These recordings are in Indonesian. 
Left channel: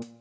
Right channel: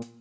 Shalom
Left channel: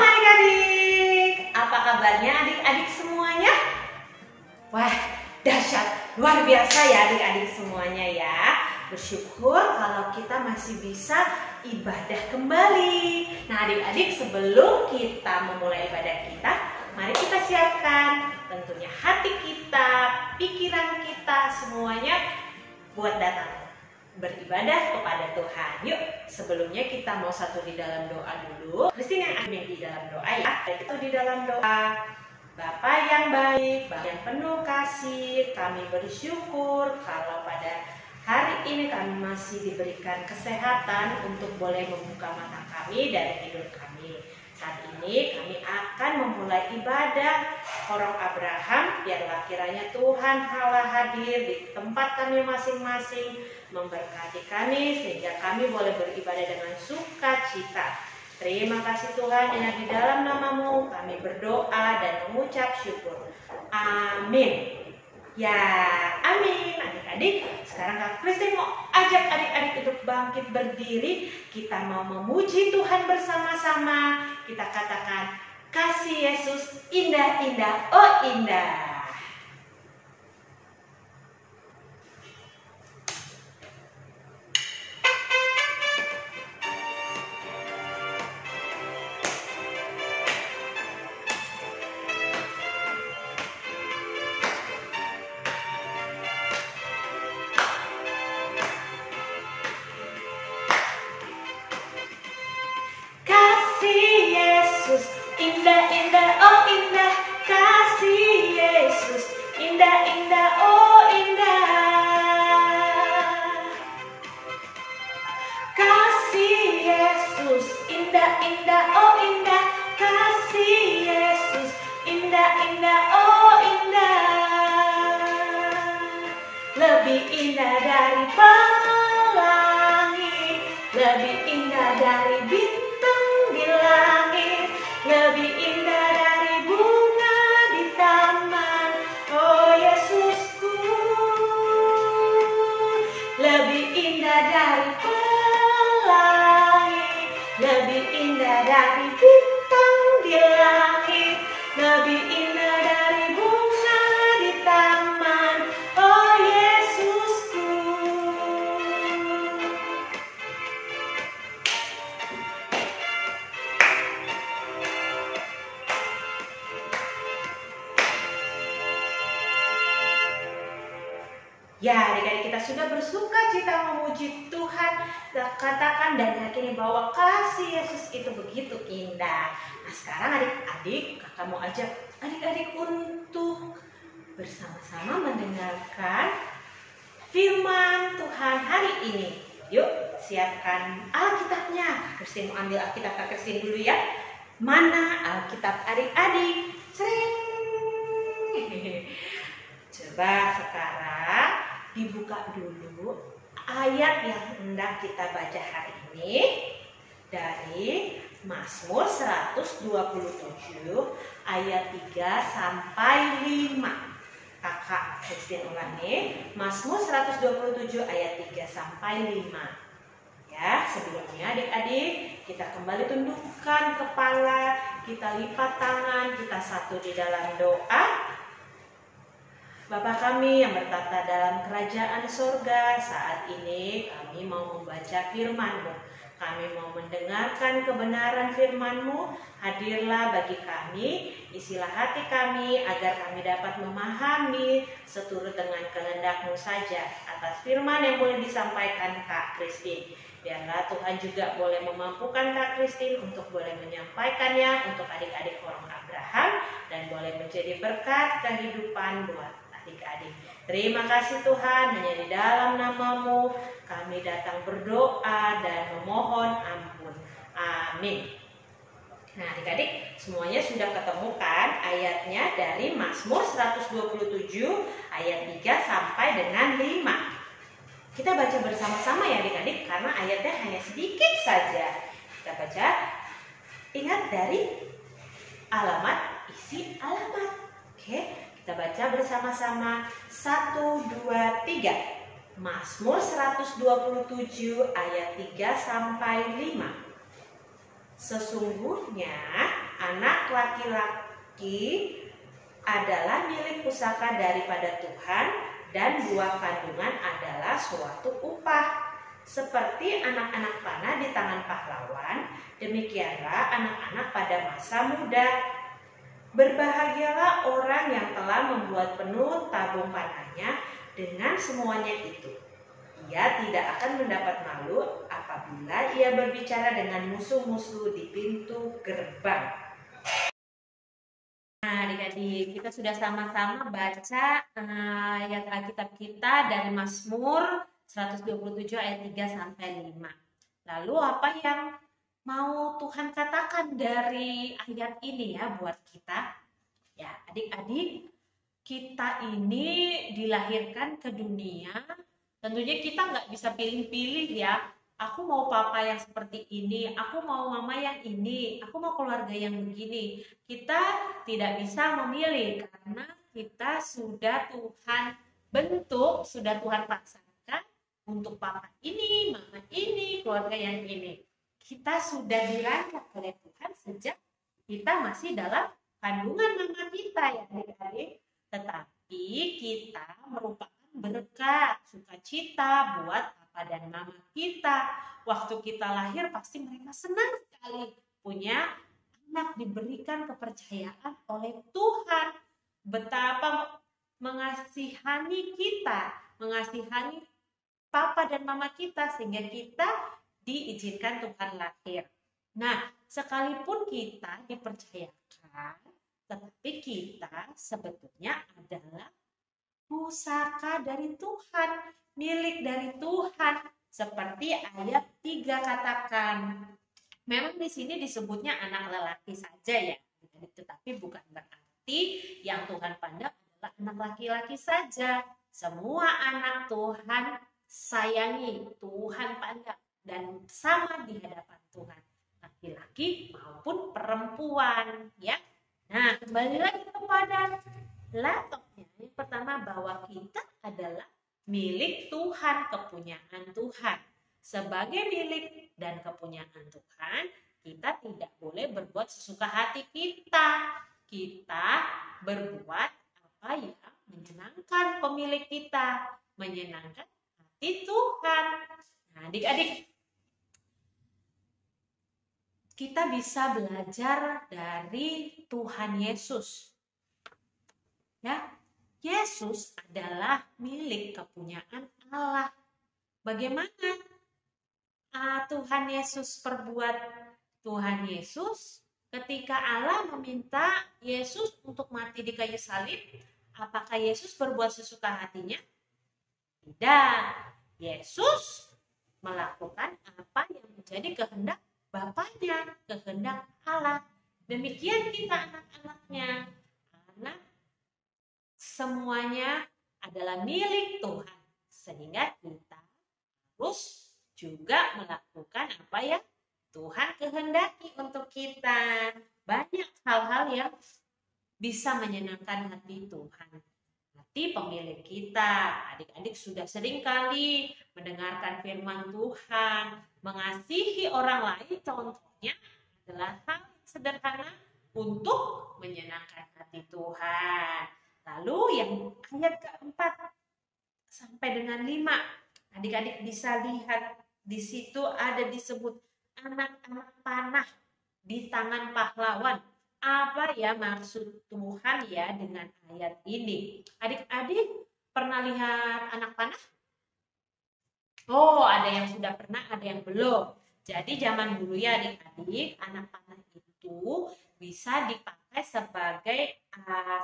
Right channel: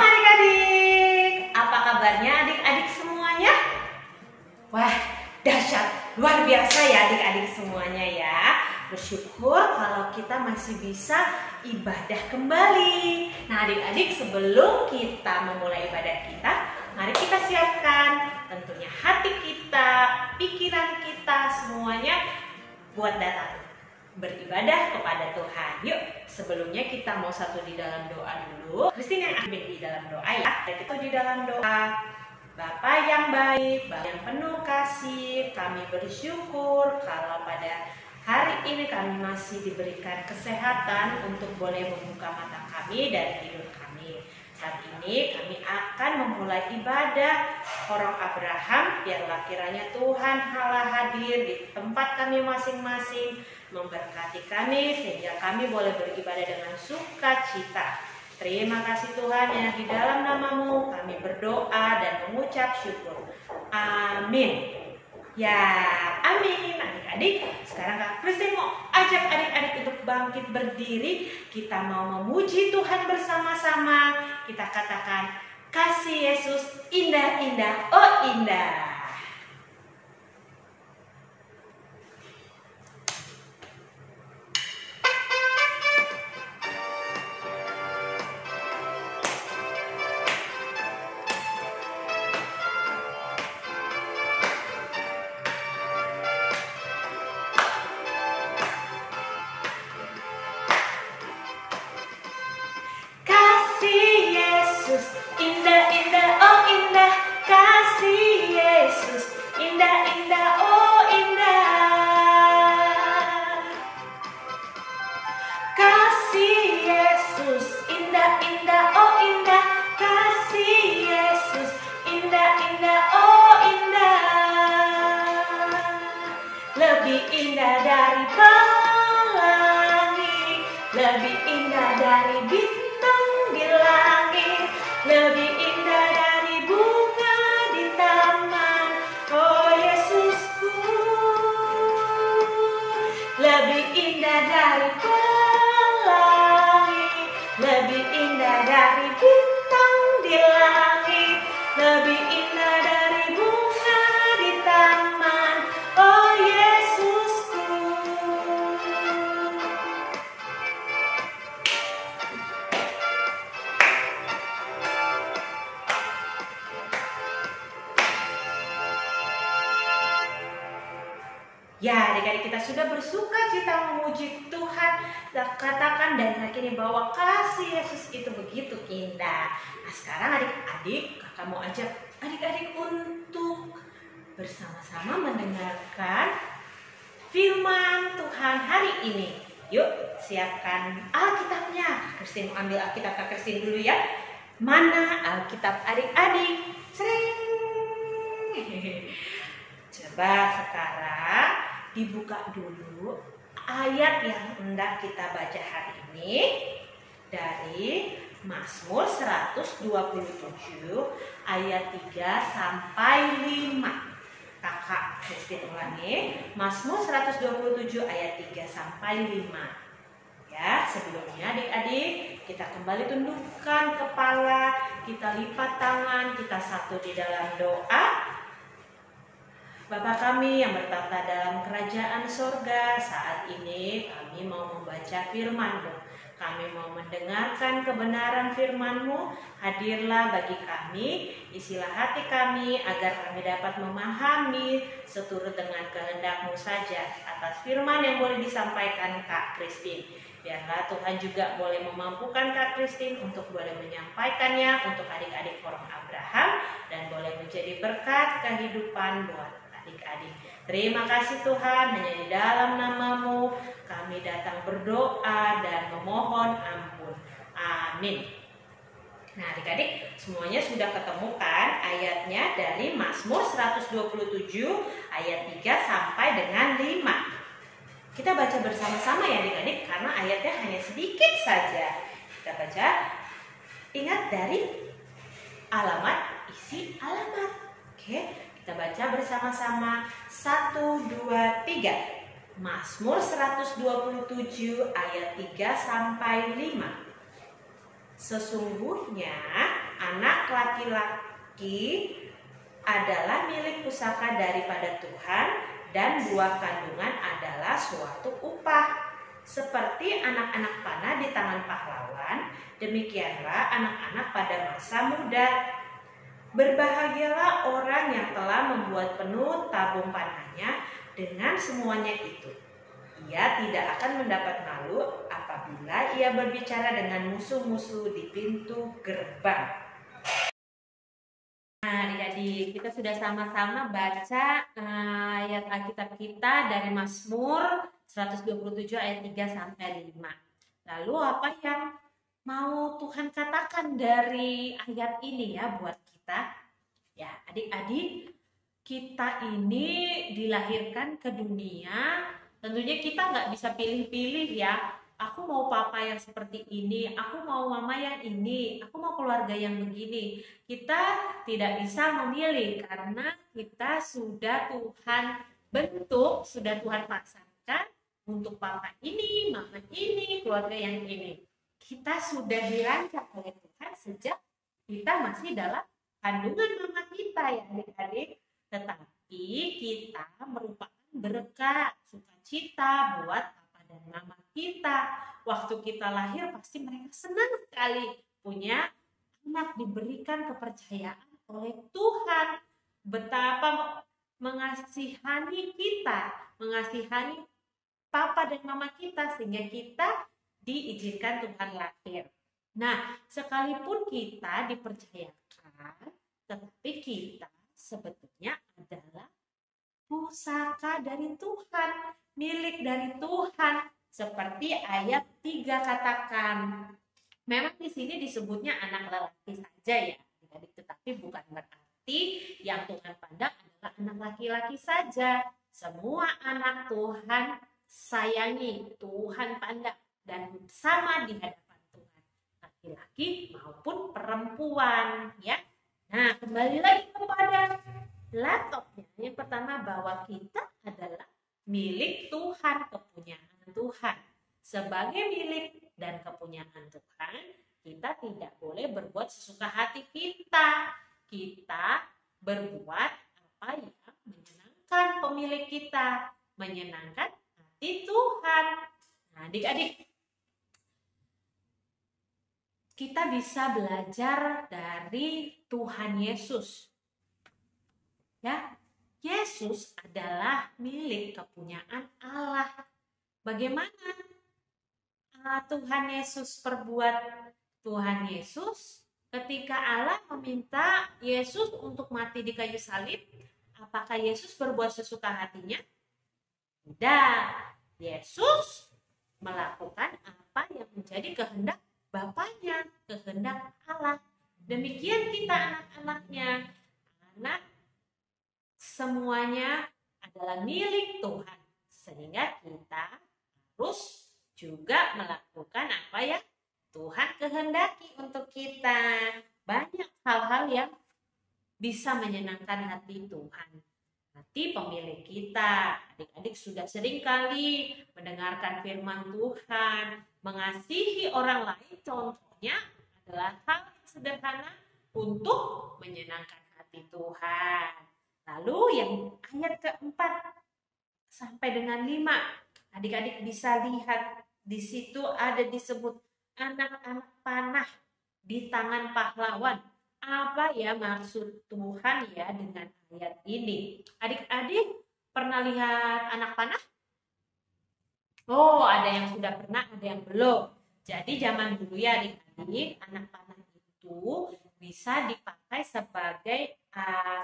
adik-adik, apa kabarnya adik-adik semuanya? Wah, dahsyat, luar biasa ya adik-adik semuanya ya. Bersyukur kalau kita masih bisa ibadah kembali. Nah adik-adik, sebelum kita memulai ibadah kita, mari kita siapkan tentunya hati kita, pikiran kita semuanya buat datang beribadah kepada Tuhan. Yuk, sebelumnya kita mau satu di dalam doa dulu. Christine yang ambil di dalam doa ya. Kita di dalam doa. Bapa yang baik, Bapa yang penuh kasih, kami bersyukur kalau pada hari ini kami masih diberikan kesehatan untuk boleh membuka mata kami dari tidur kami. Saat ini kami akan memulai ibadah Korong Abraham. Biarlah kiranya Tuhan Allah hadir di tempat kami masing-masing, memberkati kami sehingga kami boleh beribadah dengan sukacita. Terima kasih Tuhan, yang di dalam nama-Mu kami berdoa dan mengucap syukur. Amin. Ya, amin. Adik-adik, sekarang Kak Christine mau ajak adik-adik untuk bangkit berdiri. Kita mau memuji Tuhan bersama-sama. Kita katakan, kasih Yesus indah-indah, oh indah. Indah-indah, oh indah, kasih Yesus. Indah-indah, oh indah. Kasih Yesus, indah-indah, oh indah, kasih Yesus. Indah-indah, oh indah. Lebih indah dari pelangi, lebih indah dari bintang di langit, lebih indah dari bunga di taman, oh Yesusku. Lebih indah dari pelangi, lebih indah dari bintang di langit, lebih indah dari bunga di taman, oh Yesusku. Ya, adik-adik, kita sudah bersuka cita memuji Tuhan. Kita katakan dan yakini bahwa kasih Yesus itu begitu indah. Nah, sekarang adik-adik, kakak mau ajak adik-adik untuk bersama-sama mendengarkan firman Tuhan hari ini. Yuk, siapkan Alkitabnya. Christine mau ambil Alkitab Kak Christine dulu ya. Mana Alkitab adik-adik? Sering. Coba sekarang dibuka dulu ayat yang hendak kita baca hari ini dari Mazmur 127 ayat 3 sampai 5. Kakak Christine ulangi, Mazmur 127 ayat 3 sampai 5. Ya, sebelumnya adik-adik kita kembali tundukkan kepala, kita lipat tangan, kita satu di dalam doa. Bapa kami yang bertata dalam kerajaan sorga, saat ini kami mau membaca firman-Mu. Kami mau mendengarkan kebenaran firman-Mu. Hadirlah bagi kami, isilah hati kami agar kami dapat memahami seturut dengan kehendak-Mu saja. Atas firman yang boleh disampaikan Kak Christine, biarlah Tuhan juga boleh memampukan Kak Christine untuk boleh menyampaikannya untuk adik-adik Korong Abraham dan boleh menjadi berkat kehidupan buat adik-adik. Terima kasih Tuhan, hanya di dalam nama-Mu kami datang berdoa dan memohon ampun. Amin. Nah, adik-adik semuanya sudah ketemu kan ayatnya dari Mazmur 127 ayat 3 sampai dengan 5. Kita baca bersama-sama ya adik-adik karena ayatnya hanya sedikit saja. Kita baca, ingat dari alamat, isi alamat. Oke, kita baca bersama-sama. 1, 2, 3. Mazmur 127 ayat 3 sampai 5. Sesungguhnya anak laki-laki adalah milik pusaka daripada Tuhan, dan buah kandungan adalah suatu upah. Seperti anak-anak panah di tangan pahlawan, demikianlah anak-anak pada masa muda. Berbahagialah orang yang telah membuat penuh tabung panahnya dengan semuanya itu. Ia tidak akan mendapat malu apabila ia berbicara dengan musuh-musuh di pintu gerbang. Nah, adik-adik, kita sudah sama-sama baca ayat Alkitab kita dari Mazmur 127 ayat 3 sampai 5. Lalu apa yang mau Tuhan katakan dari ayat ini ya buat kita? Ya, adik-adik, kita ini dilahirkan ke dunia. Tentunya kita nggak bisa pilih-pilih ya. Aku mau papa yang seperti ini, aku mau mama yang ini, aku mau keluarga yang begini. Kita tidak bisa memilih karena kita sudah Tuhan bentuk, sudah Tuhan pasangkan untuk papa ini, mama ini, keluarga yang ini. Kita sudah dirancang oleh Tuhan sejak kita masih dalam kandungan mama kita ya adik-adik. Tetapi kita merupakan berkat, sukacita buat papa dan mama kita. Waktu kita lahir pasti mereka senang sekali punya anak, diberikan kepercayaan oleh Tuhan. Betapa mengasihani kita, mengasihani papa dan mama kita sehingga kita diizinkan Tuhan lahir. Nah, sekalipun kita dipercayakan, tetapi kita sebetulnya adalah pusaka dari Tuhan, milik dari Tuhan, seperti ayat 3 katakan. Memang di sini disebutnya anak lelaki saja ya, tetapi bukan berarti yang Tuhan pandang adalah anak laki-laki saja. Semua anak Tuhan sayangi, Tuhan pandang dan sama di hadapan Tuhan, laki-laki maupun perempuan ya. Nah, kembali lagi kepada laptopnya. Yang pertama, bahwa kita adalah milik Tuhan, kepunyaan Tuhan. Sebagai milik dan kepunyaan Tuhan, kita tidak boleh berbuat sesuka hati kita. Kita berbuat apa yang menyenangkan pemilik kita, menyenangkan hati Tuhan. Nah, adik-adik, kita bisa belajar dari Tuhan Yesus. Ya, Yesus adalah milik kepunyaan Allah. Bagaimana Tuhan Yesus perbuat? Tuhan Yesus ketika Allah meminta Yesus untuk mati di kayu salib, apakah Yesus berbuat sesuka hatinya? Tidak. Yesus melakukan apa yang menjadi kehendak Bapaknya, kehendak Allah. Demikian kita anak-anaknya. Anak semuanya adalah milik Tuhan, sehingga kita harus juga melakukan apa yang Tuhan kehendaki untuk kita. Banyak hal-hal yang bisa menyenangkan hati Tuhan, hati pemilik kita. Adik-adik sudah sering kali mendengarkan firman Tuhan, mengasihi orang lain contohnya adalah hal yang sederhana untuk menyenangkan hati Tuhan. Lalu yang ayat keempat sampai dengan 5, adik-adik bisa lihat di situ ada disebut anak-anak panah di tangan pahlawan. Apa ya maksud Tuhan ya dengan ayat ini? Adik-adik pernah lihat anak panah? Oh, ada yang sudah pernah, ada yang belum. Jadi zaman dulu ya adik-adik, anak panah itu bisa dipakai sebagai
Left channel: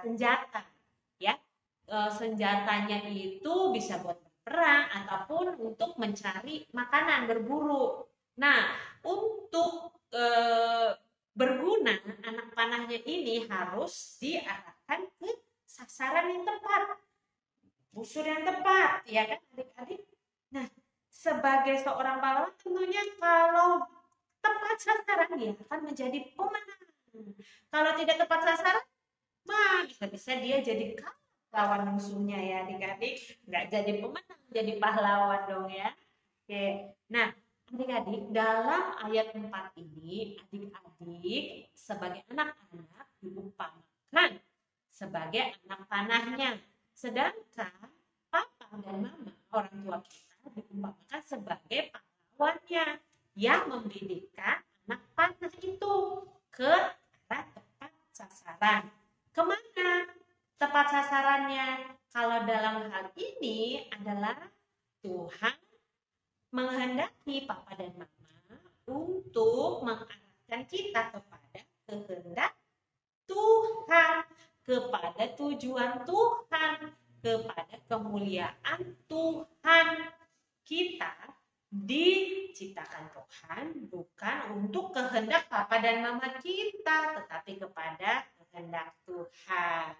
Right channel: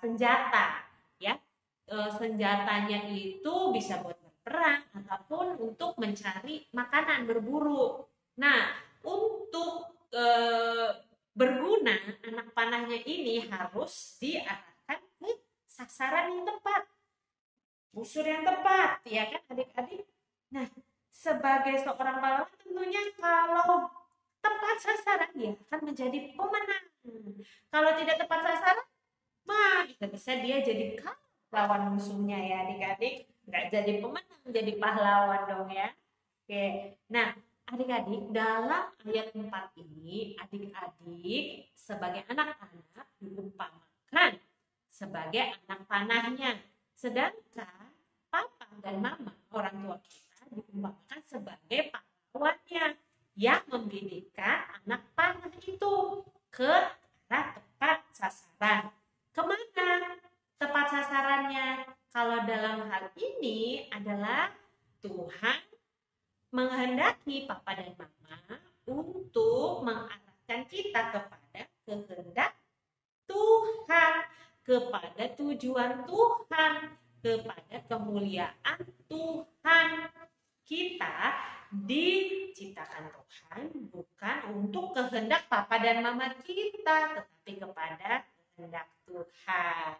senjata. Ya, senjatanya itu bisa buat berperang ataupun untuk mencari makanan, berburu. Nah, untuk berguna, anak panahnya ini harus diarahkan ke sasaran yang tepat, busur yang tepat, ya kan adik-adik? Nah, sebagai seorang pahlawan tentunya kalau tepat sasaran dia akan menjadi pemenang. Kalau tidak tepat sasaran, mah bisa-bisa dia jadi kalah lawan musuhnya ya adik-adik. Nggak jadi pemenang, jadi pahlawan dong ya. Oke, nah adik-adik, dalam ayat 4 ini, adik-adik sebagai anak-anak diumpamakan sebagai anak panahnya. Sedangkan papa dan mama, orang tua kita, diumpamakan sebagai pahlawannya yang membidikkan anak panah itu ke arah tepat sasaran. Kemana tepat sasarannya? Kalau dalam hal ini adalah Tuhan menghendaki papa dan mama untuk mengarahkan kita kepada kehendak Tuhan, kepada tujuan Tuhan, kepada kemuliaan Tuhan. Kita diciptakan Tuhan bukan untuk kehendak papa dan mama kita, tetapi kepada kehendak Tuhan.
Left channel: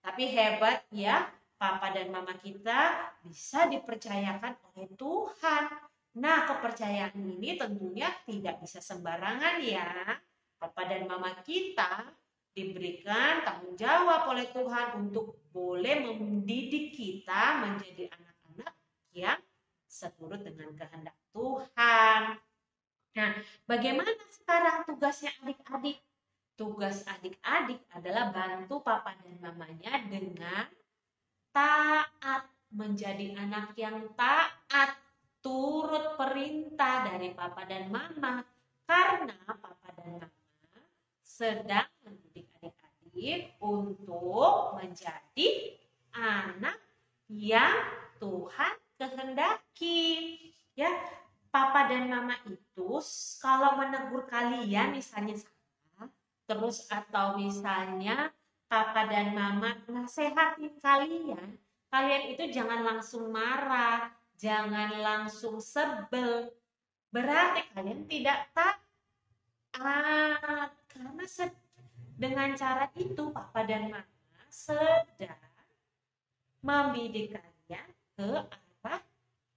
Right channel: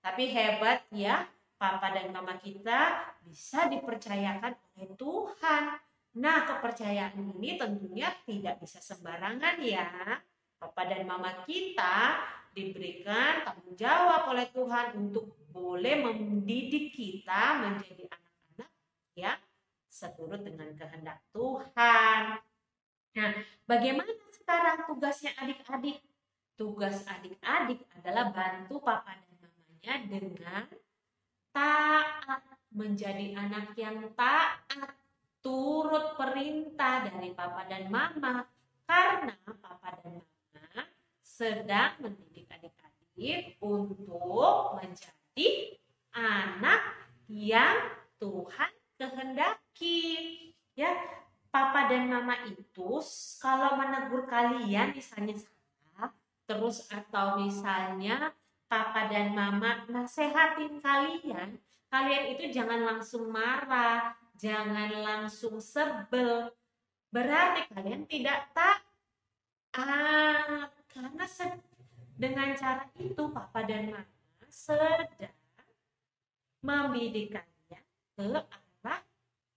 Tapi hebat ya, papa dan mama kita bisa dipercayakan oleh Tuhan. Nah, kepercayaan ini tentunya tidak bisa sembarangan ya. Papa dan mama kita diberikan tanggung jawab oleh Tuhan untuk boleh mendidik kita menjadi anak-anak yang seturut dengan kehendak Tuhan. Nah, bagaimana sekarang tugasnya adik-adik? Tugas adik-adik adalah bantu papa dan mamanya dengan taat, menjadi anak yang taat, turut perintah dari papa dan mama, karena papa dan mama sedang mendidik adik-adik untuk menjadi anak yang Tuhan kehendaki. Ya, papa dan mama itu kalau menegur kalian misalnya salah, terus atau misalnya papa dan mama nasehatin kalian, kalian itu jangan langsung marah, jangan langsung sebel. Berarti kalian tidak taat. Karena dengan cara itu papa dan mama sedang membidik kalian ke arah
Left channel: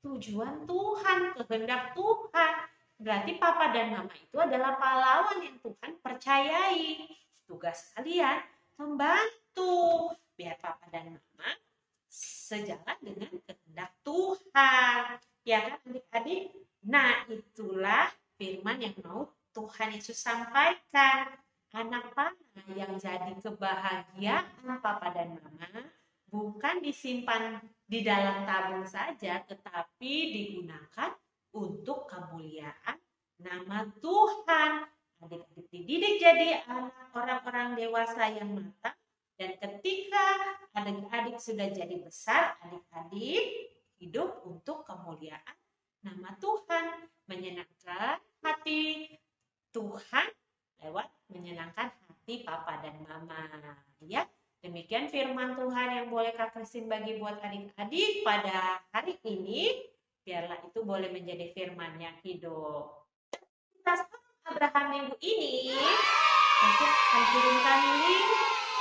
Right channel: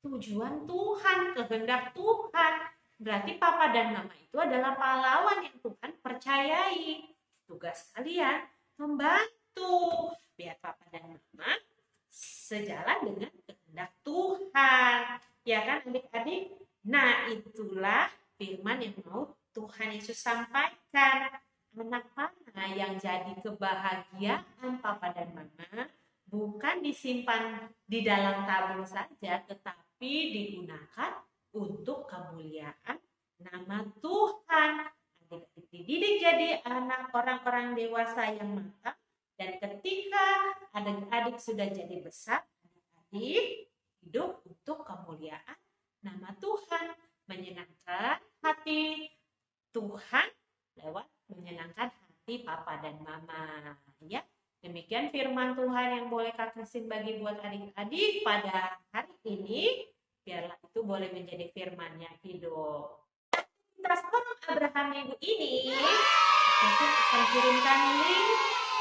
tujuan Tuhan, kehendak Tuhan. Berarti papa dan mama itu adalah pahlawan yang Tuhan percayai. Tugas kalian membantu biar papa dan mama sejalan dengan kehendak Tuhan. Ya kan adik-adik? Nah, itulah firman yang mau Tuhan Yesus sampaikan. Anak panah yang jadi kebahagiaan papa dan mama bukan disimpan di dalam tabung saja, tetapi digunakan untuk kemuliaan nama Tuhan. Adik-adik dididik jadi anak orang-orang dewasa yang matang. Dan ketika adik-adik sudah jadi besar, adik-adik hidup untuk kemuliaan nama Tuhan, menyenangkan hati Tuhan lewat menyenangkan hati papa dan mama. Ya, demikian firman Tuhan yang boleh Kak Christine bagi buat adik-adik pada hari ini. Biarlah itu boleh menjadi firman yang hidup. Kita sekarang Abraham minggu ini, Christine akan kirimkan link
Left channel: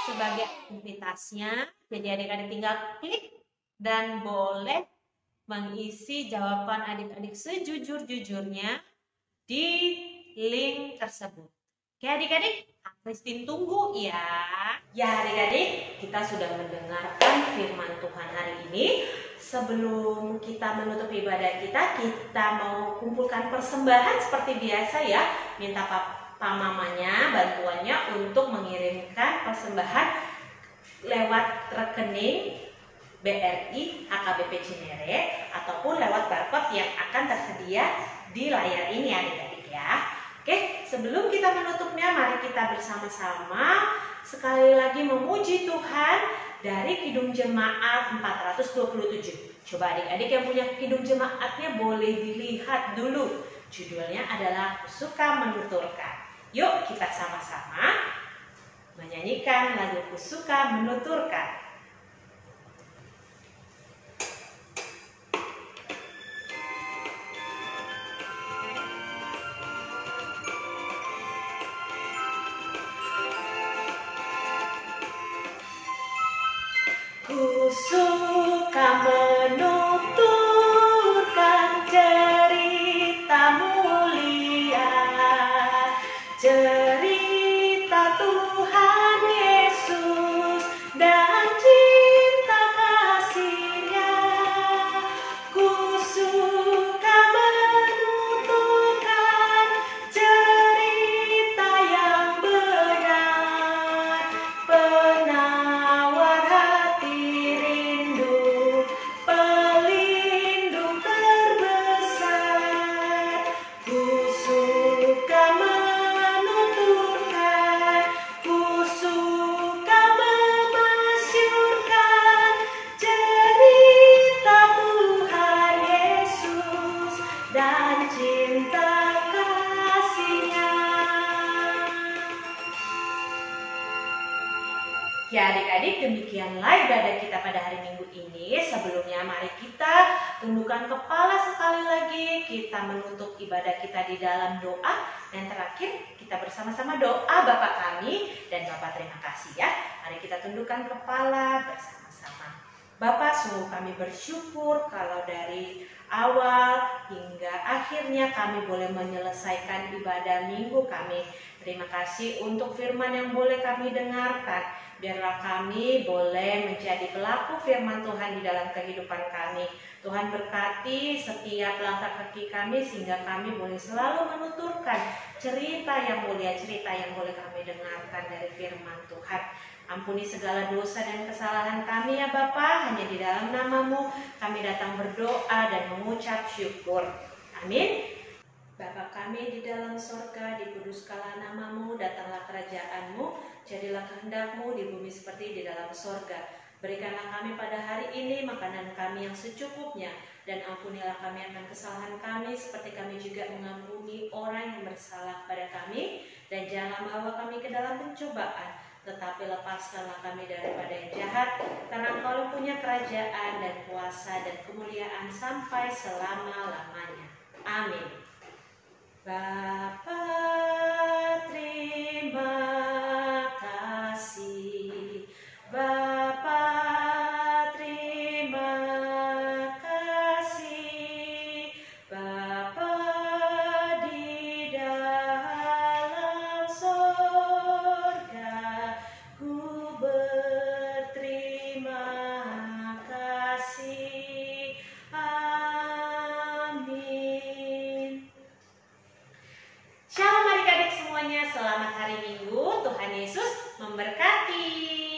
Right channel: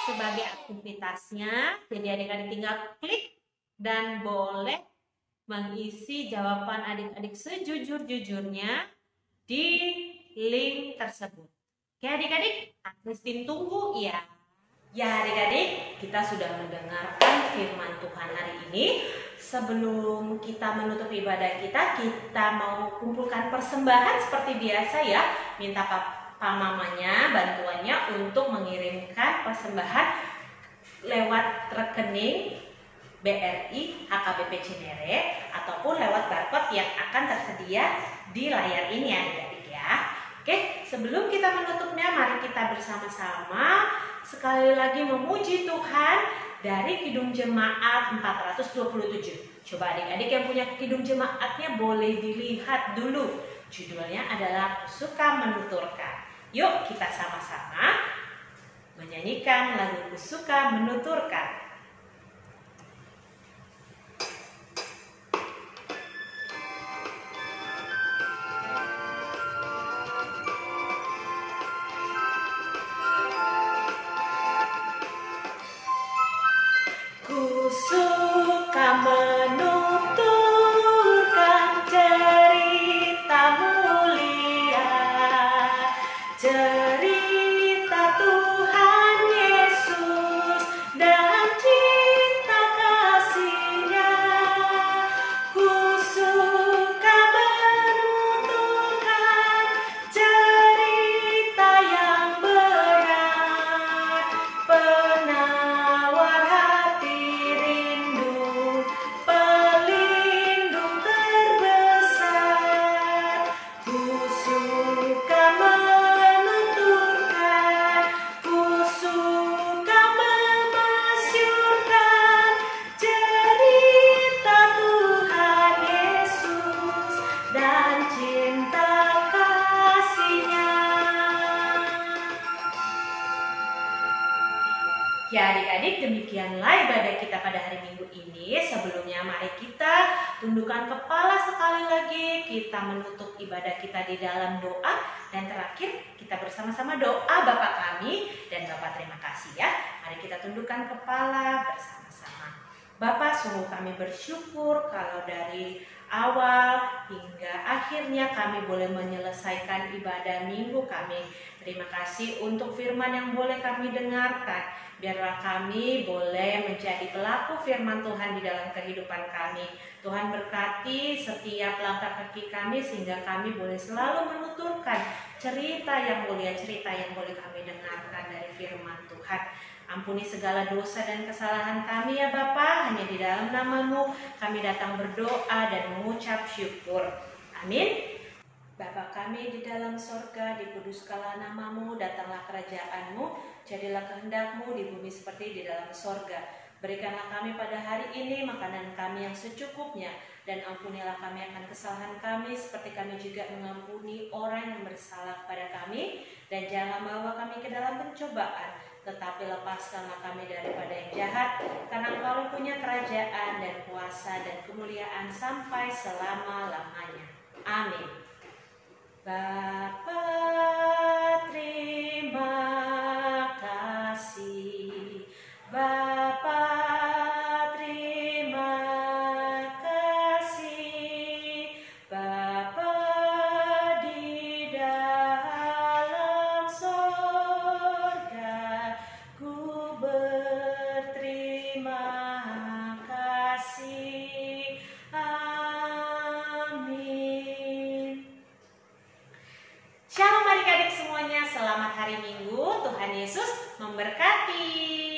sebagai aktivitasnya. Jadi adik-adik tinggal klik dan boleh mengisi jawaban adik-adik sejujur-jujurnya di link tersebut. Oke adik-adik, Kak Christine tunggu ya. Ya adik-adik, kita sudah mendengarkan firman Tuhan hari ini. Sebelum kita menutup ibadah kita mau kumpulkan persembahan seperti biasa ya. Minta Pak mamanya bantuannya untuk mengirimkan persembahan lewat rekening BRI HKBP Cinere ataupun lewat barcode yang akan tersedia di layar ini adik-adik ya. Oke, sebelum kita menutupnya mari kita bersama-sama sekali lagi memuji Tuhan dari Kidung Jemaat 427. Coba adik-adik yang punya Kidung Jemaatnya boleh dilihat dulu. Judulnya adalah Kusuka Menuturkan. Yuk kita sama-sama menyanyikan lagu Kusuka Menuturkan. demikianlah ibadah kita pada hari Minggu ini. Sebelumnya mari kita tundukkan kepala sekali lagi. Kita menutup ibadah kita di dalam doa. Dan terakhir kita bersama-sama doa Bapa kami dan Bapa terima kasih ya. Mari kita tundukkan kepala bersama-sama. Bapa, sungguh kami bersyukur kalau dari awal hingga akhirnya kami boleh menyelesaikan ibadah minggu kami. Terima kasih untuk firman yang boleh kami dengarkan. Biarlah kami boleh menjadi pelaku firman Tuhan di dalam kehidupan kami. Tuhan berkati setiap langkah kaki kami sehingga kami boleh selalu menuturkan cerita yang mulia, cerita yang boleh kami dengarkan dari firman Tuhan. Ampuni segala dosa dan kesalahan kami ya Bapa, hanya di dalam nama-Mu kami datang berdoa dan mengucap syukur. Amin. Bapa kami di dalam sorga, dikuduskanlah nama-Mu, datanglah kerajaan-Mu, jadilah kehendak-Mu di bumi seperti di dalam sorga. Berikanlah kami pada hari ini makanan kami yang secukupnya, dan ampunilah kami akan kesalahan kami seperti kami juga mengampuni orang yang bersalah kepada kami, dan jangan bawa kami ke dalam pencobaan, tetapi lepaskanlah kami daripada yang jahat, karena Engkau punya kerajaan dan kuasa dan kemuliaan sampai selama-lamanya. Amin. Bapa, terima kasih. Bapa, terima kasih. Bapa di dalam sorga, ku berterima kasih. Amin. Shalom adik-adik semuanya, selamat hari Minggu. Tuhan Yesus memberkati.